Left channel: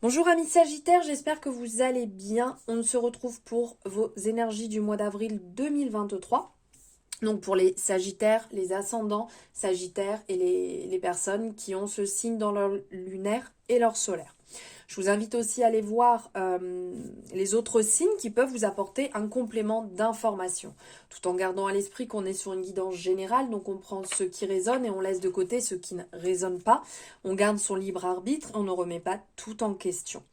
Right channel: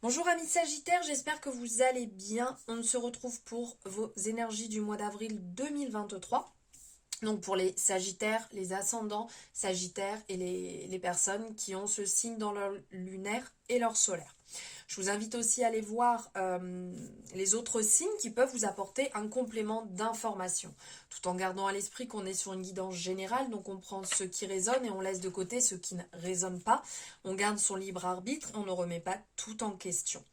Bonjour amis Sagittaires, j'espère que vous allez bien. On se retrouve pour vos énergies du mois d'avril 2023. Donc pour les Sagittaires, les ascendants Sagittaires et les personnes qui ont ce signe dans leur lunaire et leur solaire. Je vous invite aussi à aller voir les autres signes qui peuvent vous apporter un complément d'information, tout en gardant à l'esprit qu'on est sur une guidance générale, donc on prend ce qui résonne et on laisse de côté ce qui ne résonne pas. On garde son libre arbitre, on ne remet pas tout en question.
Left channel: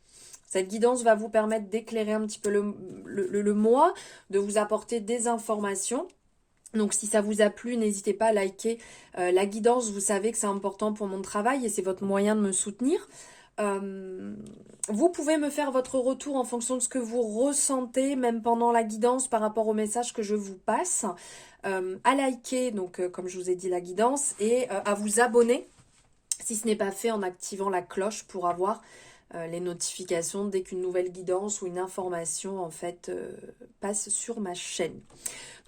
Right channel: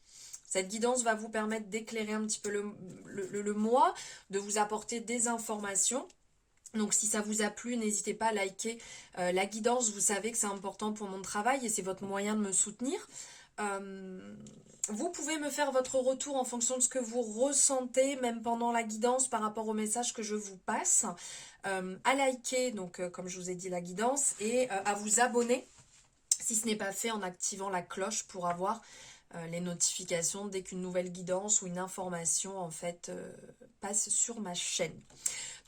Cette guidance va vous permettre d'éclairer un petit peu le mois, de vous apporter des informations. Donc si ça vous a plu, n'hésitez pas à liker la guidance. Vous savez que c'est important pour mon travail et c'est votre moyen de me soutenir. Vous pouvez me faire votre retour en fonction de ce que vous ressentez, même pendant la guidance par rapport au message que je vous passe. À liker, donc comme je vous ai dit, la guidance et à vous abonner si ce n'est pas fait en activant la cloche pour avoir les notifications dès qu'une nouvelle guidance ou une information en fait passe sur ma chaîne.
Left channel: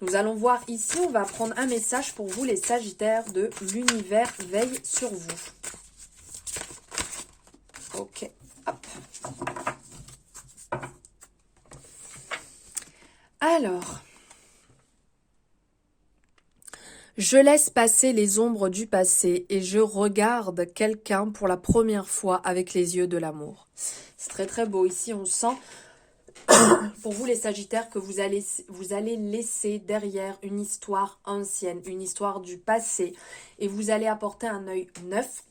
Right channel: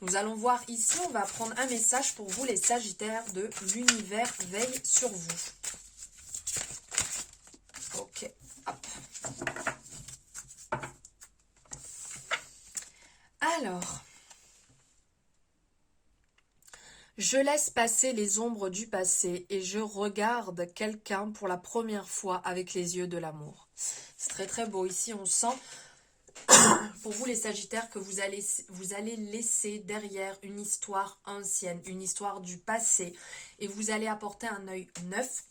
Nous allons voir ici, on va prendre un message pour vous les Sagittaires de l'univers veille sur vous. Ok, hop. Alors, je laisse passer les ombres du passé et je regarde quelqu'un pour la première fois avec les yeux de l'amour. C'est très très beau. Ici, on sent, pour vous les Sagittaires, que vous allez laisser derrière une histoire ancienne, une histoire du passé. Et vous allez apporter un œil neuf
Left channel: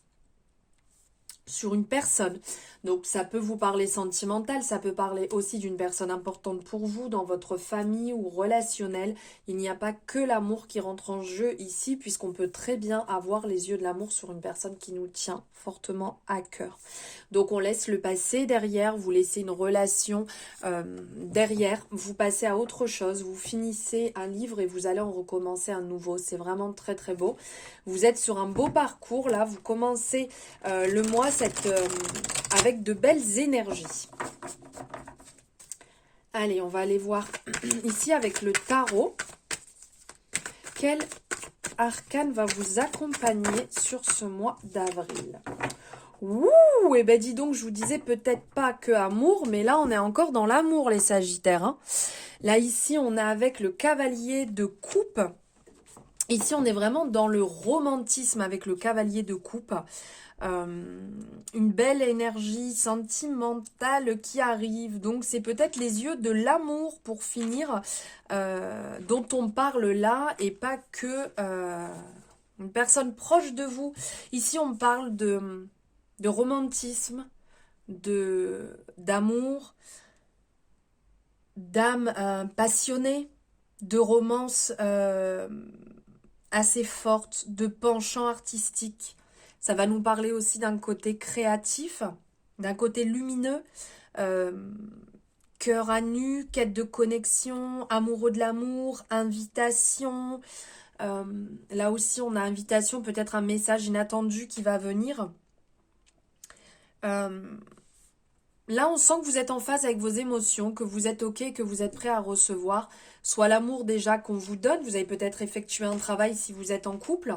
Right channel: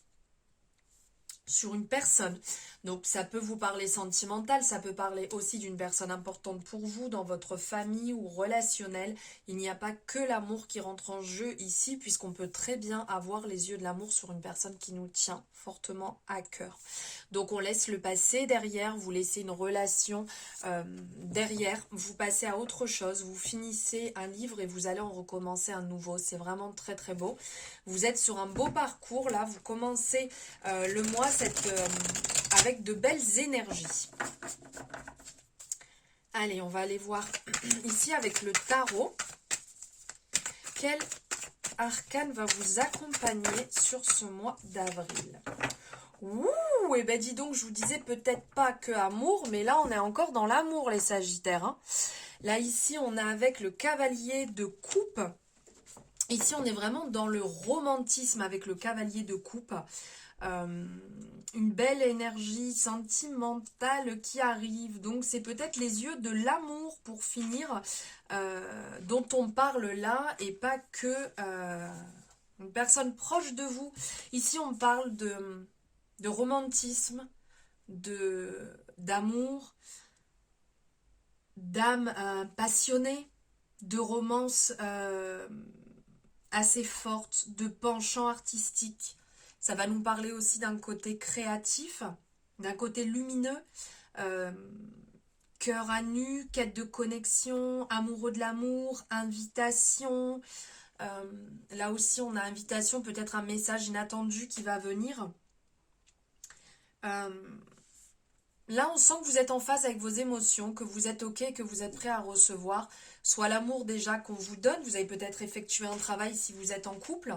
sur une personne. Donc ça peut vous parler sentimental, ça peut parler aussi d'une personne importante pour vous, dans votre famille ou relationnel. Il n'y a pas que l'amour qui rentre en jeu ici, puisqu'on peut très bien avoir les yeux de l'amour sur une personne qui nous tient fortement à cœur. Donc on laisse le passé derrière, vous laissez une relation derrière, vous passez à autre chose, vous finissez un livre et vous allez en recommencer un nouveau. C'est vraiment très très beau. Vous êtes sur un beau parcours là, vous commencez le mois avec de belles énergies. Allez, on va aller voir ici avec le tarot. Quel arcane va vous accompagner sur ce mois d'avril? Ouh, et ben dis donc, je vous disais peut-être pas que amour, mais là on est encore dans l'amour les Sagittaires. Hein. Là ici on est avec le cavalier de coupe. Ici on est vraiment dans le romantisme avec le cavalier de coupe. Une belle énergie sentimentale qui arrive. Donc c'est peut-être les yeux de l'amour pour finir dont on parle là et pas que une personne proche de vous. Ici on parle de romantisme, d'amour, d'âme passionnée, de romance assez forte, de penchant artistique. Ça va nous parler aussi d'un côté créatif, d'un côté lumineux, cœur à nu, quête de connexion, amoureux de l'amour, invitation. Là aussi, on a invitation, peut-être un message inattendu qui va venir. Là, on sent que vous êtes en phase avec vos émotions, que vous êtes OK, que vous êtes prêt à recevoir soit l'amour déjà qu'on vous donne. Vous avez peut-être effectué un travail si vous êtes en couple,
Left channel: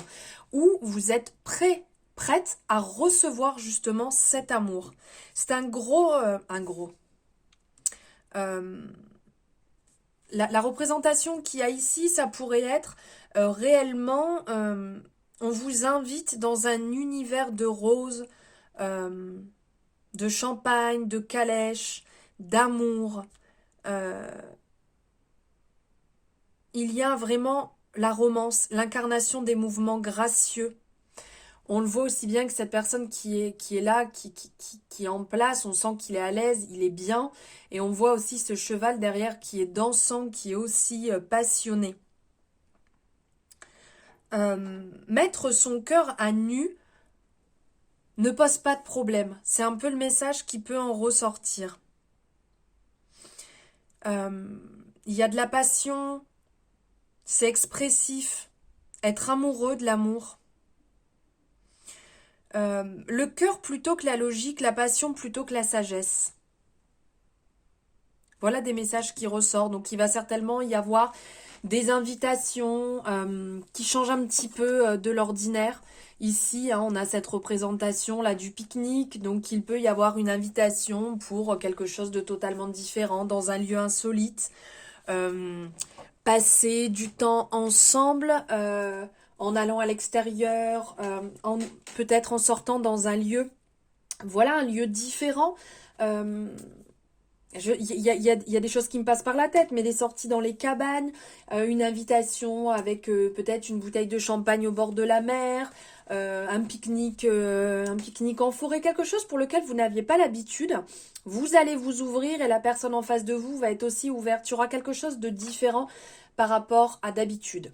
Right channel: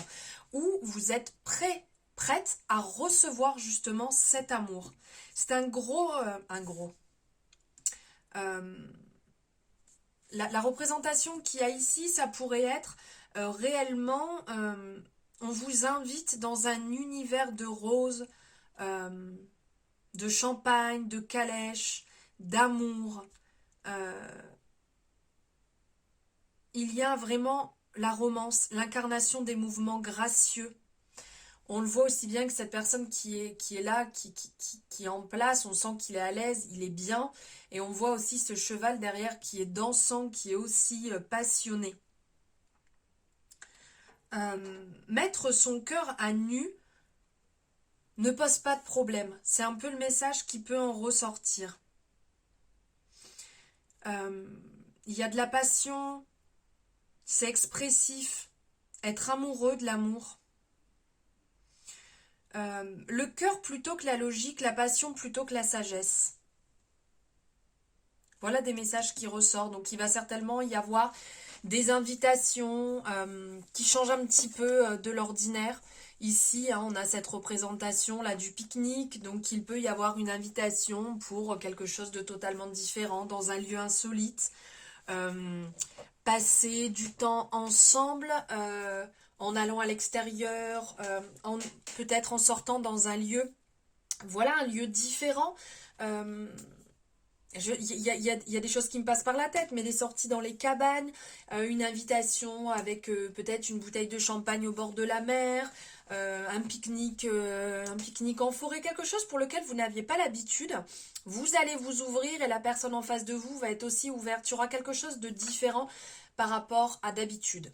ou vous êtes prête à recevoir justement cet amour. C'est un gros... la représentation qu'il y a ici, ça pourrait être réellement... on vous invite dans un univers de roses, de champagne, de calèche, d'amour. Il y a vraiment la romance, l'incarnation des mouvements gracieux. On le voit aussi bien que cette personne qui est là, qui est en place, on sent qu'il est à l'aise, il est bien. Et on voit aussi ce cheval derrière qui est dansant, qui est aussi passionné. Mettre son cœur à nu ne pose pas de problème. C'est un peu le message qui peut en ressortir. Il y a de la passion, c'est expressif, être amoureux de l'amour. Le cœur plutôt que la logique, la passion plutôt que la sagesse. Voilà des messages qui ressortent. Donc il va certainement y avoir des invitations qui changent un petit peu de l'ordinaire. Ici, hein, on a cette représentation là du pique-nique, donc il peut y avoir une invitation pour quelque chose de totalement différent, dans un lieu insolite. Euh, Passer du temps ensemble, en allant à l'extérieur, peut-être en sortant dans un lieu, voilà, un lieu différent. Euh, il y a des choses qui me passent par la tête, mais des sorties dans les cabanes, une invitation avec peut-être une bouteille de champagne au bord de la mer, un pique-nique en forêt, quelque chose pour lequel vous n'aviez pas l'habitude. Vous allez vous ouvrir et la personne en face de vous va être aussi ouverte. Il y aura quelque chose de différent par rapport à d'habitude.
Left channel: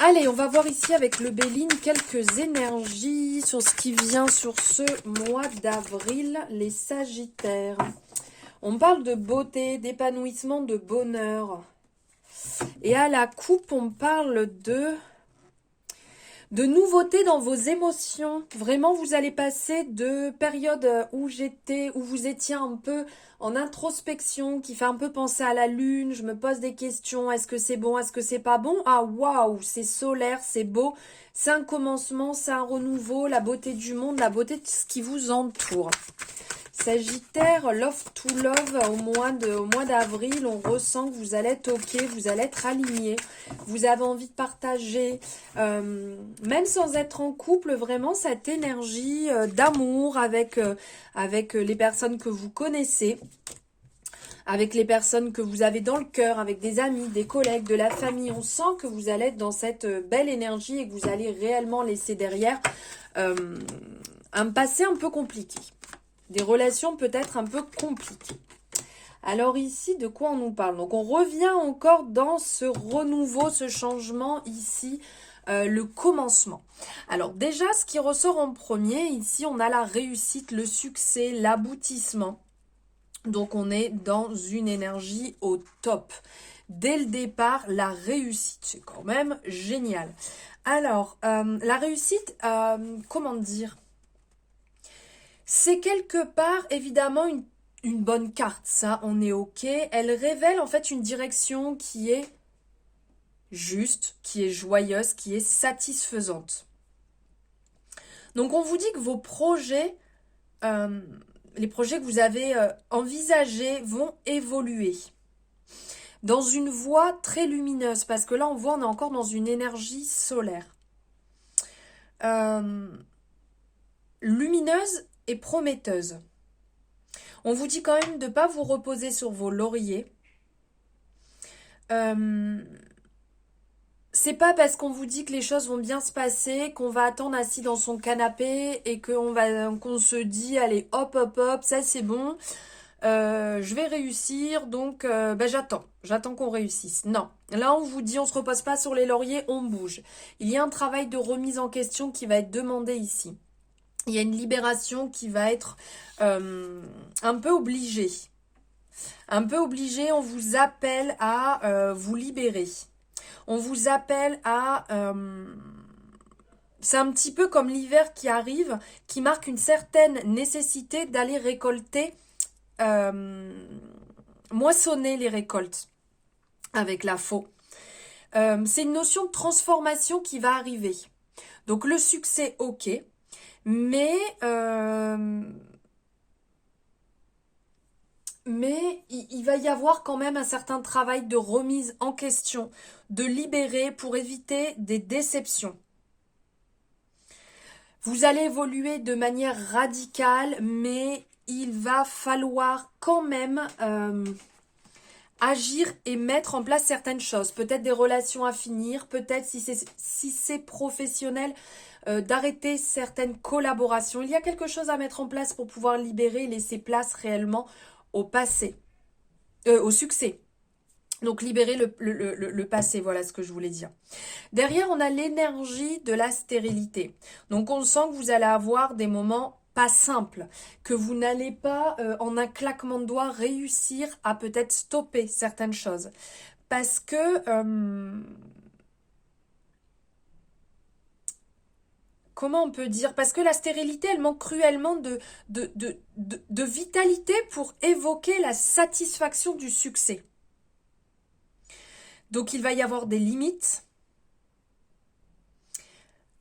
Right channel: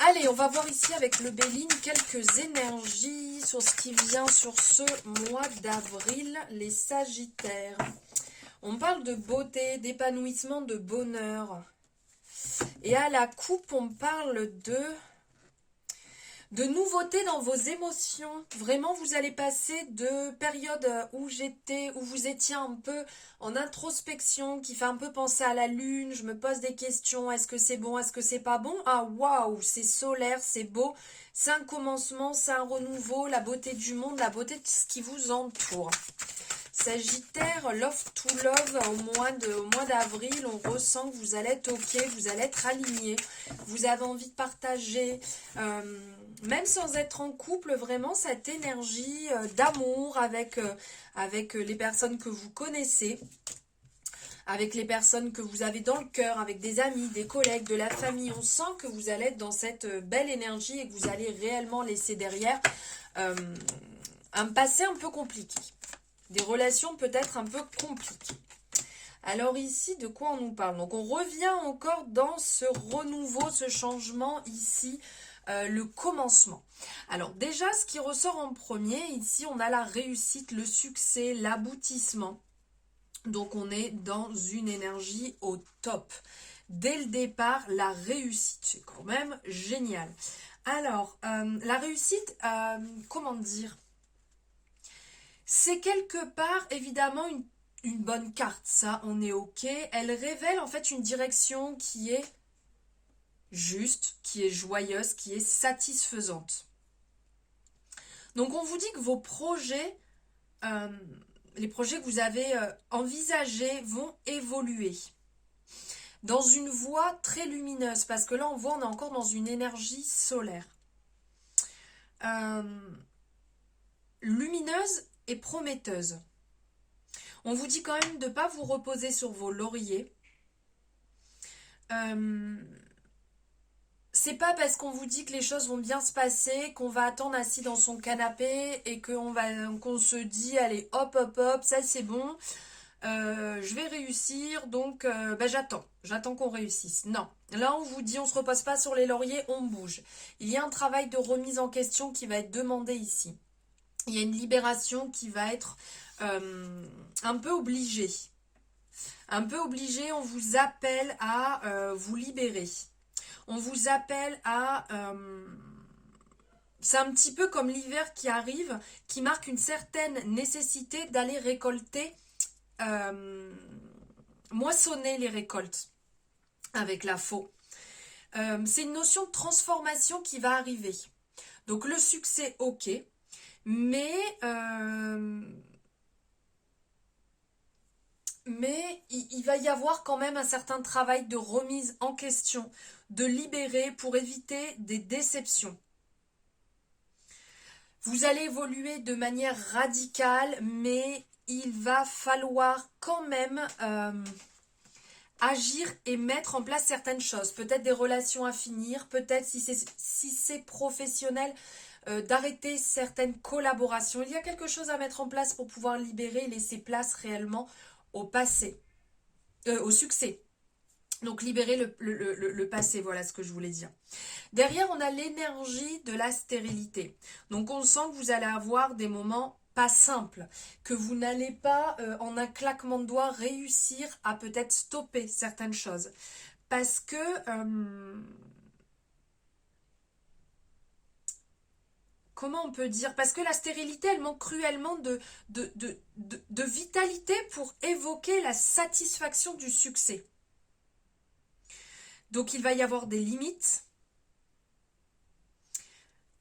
Allez, on va voir ici avec le Béline quelques énergies sur ce qui vient sur ce mois d'avril, les Sagittaires. On parle de beauté, d'épanouissement, de bonheur. Et à la coupe, on parle de nouveautés dans vos émotions. Vraiment, vous allez passer de périodes où vous étiez un peu en introspection, qui fait un peu penser à la lune. Je me pose des questions. Est-ce que c'est bon? Est-ce que c'est pas bon? Ah, waouh, c'est solaire, c'est beau. C'est un commencement, c'est un renouveau, la beauté du monde, la beauté de ce qui vous entoure. Sagittaire, love to love, au mois d'avril, on ressent que vous allez être ok, vous allez être aligné, vous avez envie de partager, même sans être en couple, vraiment cette énergie d'amour avec les personnes que vous connaissez, avec les personnes que vous avez dans le cœur, avec des amis, des collègues, de la famille. On sent que vous allez être dans cette belle énergie et que vous allez réellement laisser derrière un passé un peu compliqué. Des relations peut-être un peu compliquées. Alors ici, de quoi on nous parle? Donc on revient encore dans ce renouveau, ce changement ici, le commencement. Alors déjà, ce qui ressort en premier, ici on a la réussite, le succès, l'aboutissement. Donc on est dans une énergie au top. Dès le départ, la réussite, c'est quand même génial. Alors, la réussite, comment dire? C'est quelque part, évidemment, une bonne carte, ça, on est ok. Elle révèle en fait une direction qui est juste, qui est joyeuse, qui est satisfaisante. Donc on vous dit que vos projets, les projets que vous avez envisagés vont évoluer dans une voie très lumineuse, parce que là on voit on est encore dans une énergie solaire. Lumineuse et prometteuse. On vous dit quand même de ne pas vous reposer sur vos lauriers. C'est pas parce qu'on vous dit que les choses vont bien se passer qu'on va attendre assis dans son canapé et qu'on se dit allez hop hop hop, ça c'est bon, je vais réussir, donc j'attends qu'on réussisse. Non, là on vous dit on se repose pas sur les lauriers, on bouge. Il y a un travail de remise en question qui va être demandé ici. Il y a une libération qui va être un peu obligée. Un peu obligée, on vous appelle à vous libérer. On vous appelle à... c'est un petit peu comme l'hiver qui arrive, qui marque une certaine nécessité d'aller récolter, moissonner les récoltes avec la faux. C'est une notion de transformation qui va arriver. Donc le succès, ok, mais il va y avoir quand même un certain travail de remise en question, de libérer pour éviter des déceptions. Vous allez évoluer de manière radicale, mais il va falloir quand même agir et mettre en place certaines choses. Peut-être des relations à finir, peut-être si c'est professionnel, d'arrêter certaines collaborations. Il y a quelque chose à mettre en place pour pouvoir libérer et laisser place réellement au passé, au succès. Donc libérer le passé, voilà ce que je voulais dire. Derrière, on a l'énergie de la stérilité. Donc on sent que vous allez avoir des moments pas simples, que vous n'allez pas en un claquement de doigts réussir à peut-être stopper certaines choses. Parce que... comment on peut dire? Parce que la stérilité, elle manque cruellement de vitalité pour évoquer la satisfaction du succès. Donc il va y avoir des limites.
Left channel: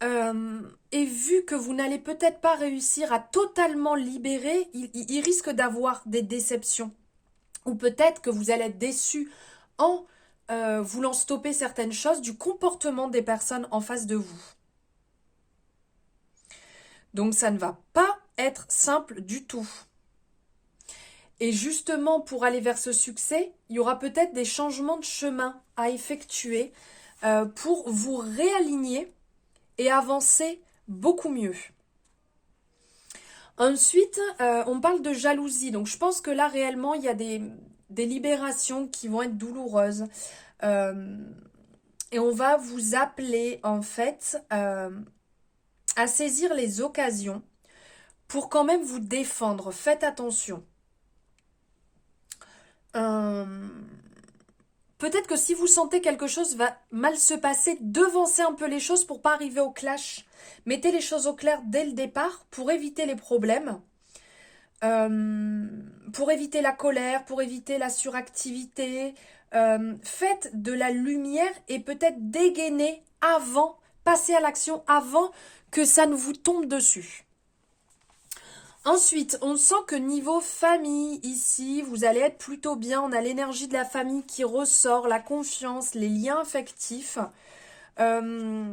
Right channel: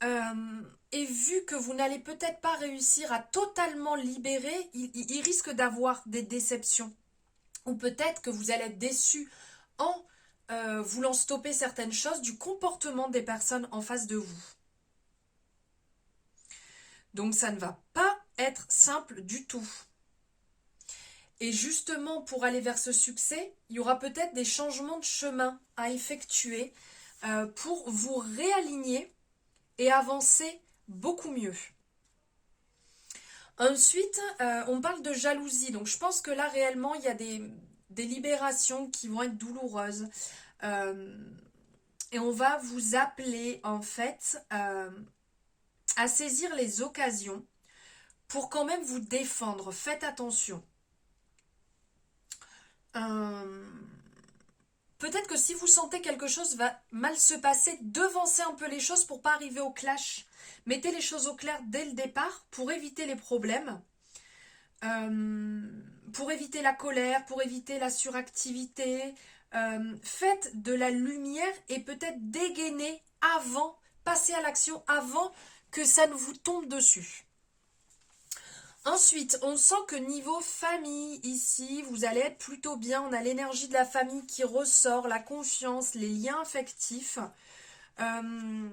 Et vu que vous n'allez peut-être pas réussir à totalement libérer, il risque d'avoir des déceptions. Ou peut-être que vous allez être déçu en voulant stopper certaines choses du comportement des personnes en face de vous. Donc ça ne va pas être simple du tout. Et justement, pour aller vers ce succès, il y aura peut-être des changements de chemin à effectuer pour vous réaligner et avancer beaucoup mieux. Ensuite, on parle de jalousie. Donc je pense que là, réellement, il y a des libérations qui vont être douloureuses. Et on va vous appeler, en fait, à saisir les occasions pour quand même vous défendre. Faites attention. Peut-être que si vous sentez quelque chose va mal se passer, devancez un peu les choses pour pas arriver au clash. Mettez les choses au clair dès le départ pour éviter les problèmes, pour éviter la colère, pour éviter la suractivité. Faites de la lumière et peut-être dégainer avant, passez à l'action avant que ça ne vous tombe dessus. Ensuite, on sent que niveau famille, ici, vous allez être plutôt bien. On a l'énergie de la famille qui ressort, la confiance, les liens affectifs. On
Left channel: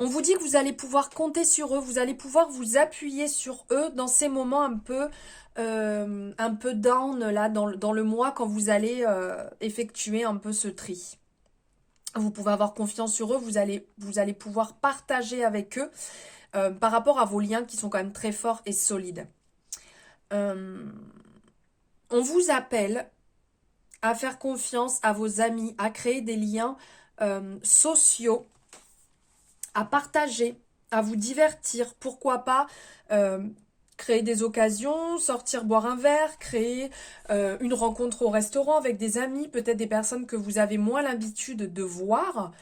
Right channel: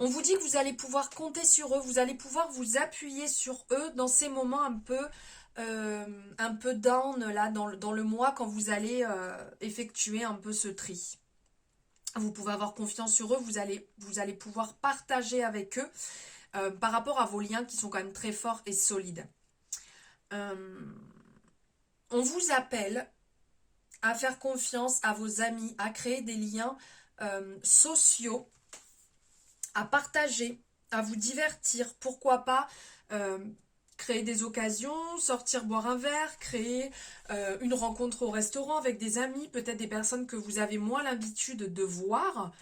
vous dit que vous allez pouvoir compter sur eux, vous allez pouvoir vous appuyer sur eux dans ces moments un peu down, là, dans le mois, quand vous allez effectuer un peu ce tri. Vous pouvez avoir confiance sur eux, vous allez pouvoir partager avec eux. Par rapport à vos liens qui sont quand même très forts et solides. On vous appelle à faire confiance à vos amis, à créer des liens sociaux, à partager, à vous divertir. Pourquoi pas créer des occasions, sortir boire un verre, créer une rencontre au restaurant avec des amis, peut-être des personnes que vous avez moins l'habitude de voir.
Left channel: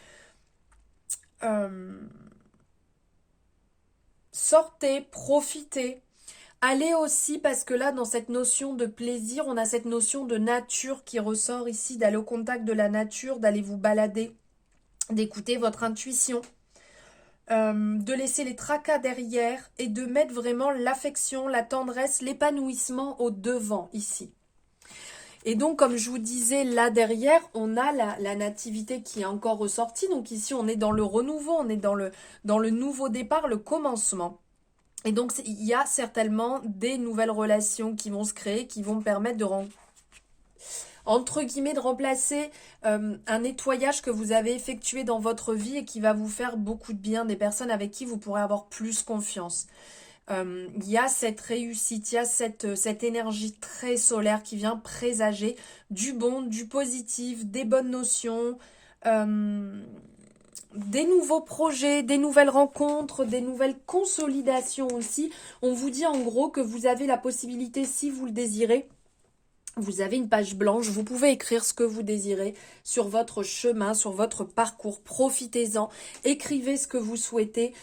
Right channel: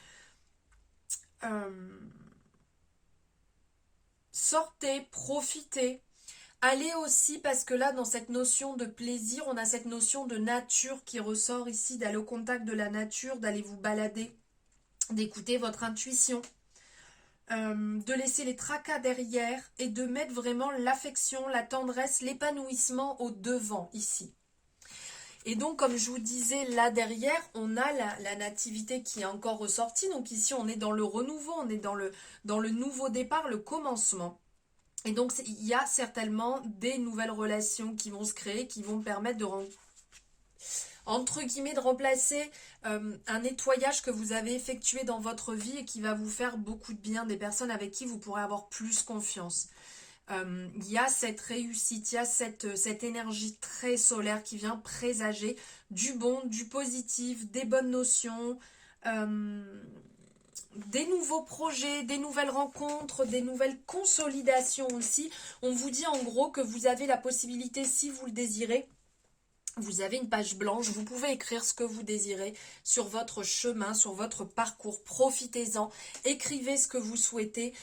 Sortez, profitez. Allez aussi, parce que là, dans cette notion de plaisir, on a cette notion de nature qui ressort ici, d'aller au contact de la nature, d'aller vous balader, d'écouter votre intuition, de laisser les tracas derrière et de mettre vraiment l'affection, la tendresse, l'épanouissement au devant ici. Et donc, comme je vous disais, là derrière, on a la nativité qui est encore ressortie. Donc ici, on est dans le renouveau, on est dans le nouveau départ, le commencement. Et donc, il y a certainement des nouvelles relations qui vont se créer, qui vont permettre de, entre guillemets, de remplacer un nettoyage que vous avez effectué dans votre vie et qui va vous faire beaucoup de bien, des personnes avec qui vous pourrez avoir plus confiance. Il y a cette réussite, il y a cette énergie très solaire qui vient présager du bon, du positif, des bonnes notions, des nouveaux projets, des nouvelles rencontres, des nouvelles consolidations aussi. On vous dit en gros que vous avez la possibilité, si vous le désirez, vous avez une page blanche, vous pouvez écrire ce que vous désirez sur votre chemin, sur votre parcours, profitez-en, écrivez ce que vous souhaitez,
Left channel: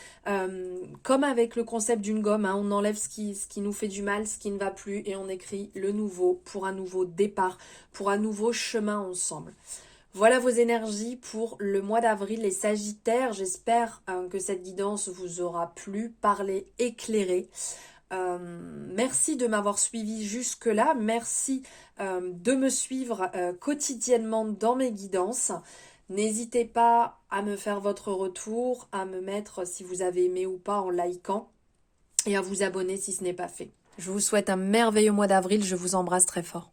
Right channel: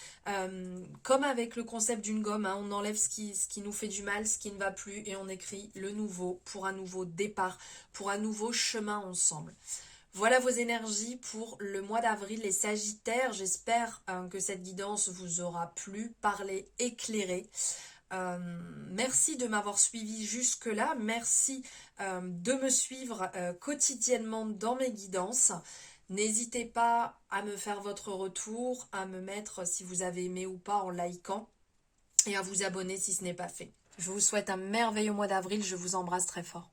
comme avec le concept d'une gomme, hein, on enlève ce qui nous fait du mal, ce qui ne va plus, et on écrit le nouveau pour un nouveau départ, pour un nouveau chemin ensemble. Voilà vos énergies pour le mois d'avril, les Sagittaires. J'espère que cette guidance vous aura plu, parlé, éclairé. Merci de m'avoir suivi jusque-là. Merci de me suivre quotidiennement dans mes guidances. N'hésitez pas à me faire votre retour, à me mettre si vous avez aimé ou pas en likant et à vous abonner si ce n'est pas fait. Je vous souhaite un merveilleux mois d'avril. Je vous embrasse très fort.